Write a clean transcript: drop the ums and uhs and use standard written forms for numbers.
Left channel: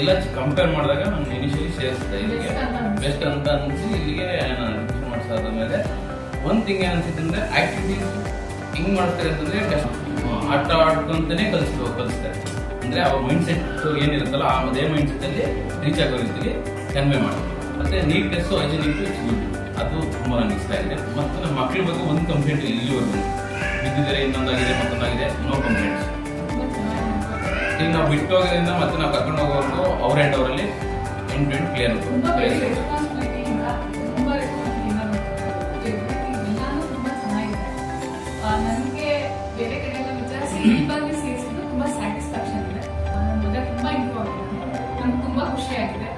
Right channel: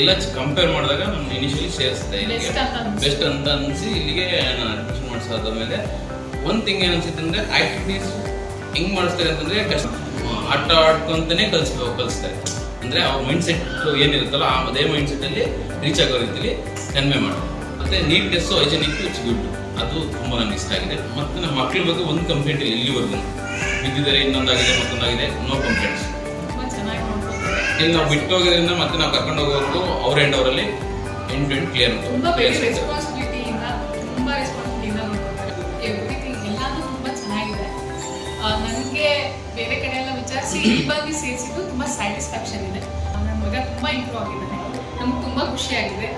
ಎಲ್ಲ ಕಂಪೇರ್ ಮಾಡಿದಾಗ ನಾನು ಇನಿಷಿಯಲಿ ಸೇರಿಸಿದೆ ಇಲ್ಲಿಗೆ ಬೆಸ್ಟ್ ಅಂತ ಅನಿಸಿ ಇಲ್ಲಿಗೆ ನಾನು ಅಡ್ಮಿಷನ್ ಮಾಡಿಸಾದ ಮೇಲೆ ಒಂದು ಥಿಂಗ್ ಏನು ಅನ್ಸುತ್ತೆ ಅಂದರೆ ಆ್ಯಕ್ಟಿವಿಟೀಸ್ ಹೆಂಗೆ ಮಾಡಿಸ್ತಾರೆ ಅಂತಂದರೆ ಆಟ ಆಡ್ಕೊಂತಾನೆ ಕಲಿಸ್ತಾರೆ. ಅಂದರೆ ಅವ್ರ ಮೈಂಡ್ ಸೆಟ್ ಏನಿರುತ್ತಲ್ಲ ಅದೇ ಮೈಂಡ್ ಸೆಟ್ಟಲ್ಲಿ ರೀಚ್ ಆಗೋ ರೀತಿಯಲ್ಲಿ ಕನ್ವೆ ಮಾಡೋದು. ಮತ್ತು ನೀಟ್ನೆಸ್ಸು ಹೈಜೆನಿಕ್ಕು ಇಟ್ಸ್ ಗುಡ್, ಅದು ತುಂಬ ನನಗೆ ಇಷ್ಟ ಆಗಿದೆ. ಮತ್ತು ನಮ್ಮ ಮಕ್ಕಳ ಬಗ್ಗೆ ಒಂದು ಕಂಪ್ಲೇಂಟ್ ಇಲ್ಲ ಇಲ್ಲಿವರೆಗೂ. ಬಿದ್ದಿದ್ದಾರೆ, ಇನ್ನೊಂದಾಗಿದೆ, ಮತ್ತೊಂದಾಗಿದೆ, ನೋ ಕಂಪ್ಲೇಂಟ್ಸ್. ಇಲ್ಲಿ ನಾವು ಬಿಟ್ಟು ಹೋಗೋದ್ರಿಂದ ಮತ್ತೆ ನಾವು ಕರ್ಕೊಂಡು ಹೋಗೋವರೆಗೂ ಅವ್ರ ಹ್ಯಾಂಡ್ ಅವರಲ್ಲಿ ಎಂಡ್ ಕ್ಲಿಯರ್ ನನಗೆ ಬೇರೆ ಕಡೆ ಎಲ್ಲ ವಿಚಾರಿಸಿ ಇಲ್ಲಿ ಸೇರಿಸಿದ್ದು ತುಂಬ ಸ್ಯಾಟಿಸ್ಫ್ಯಾಕ್ಷನ್ ಇದೆ. ನನ್ನ ಮಗ ತುಂಬ ಇಂಪ್ರೂವ್ ಆಗಿದ್ದಾನೆ, ನಮ್ಗೆ ತುಂಬ ಖುಷಿಯಾಗಿದೆ.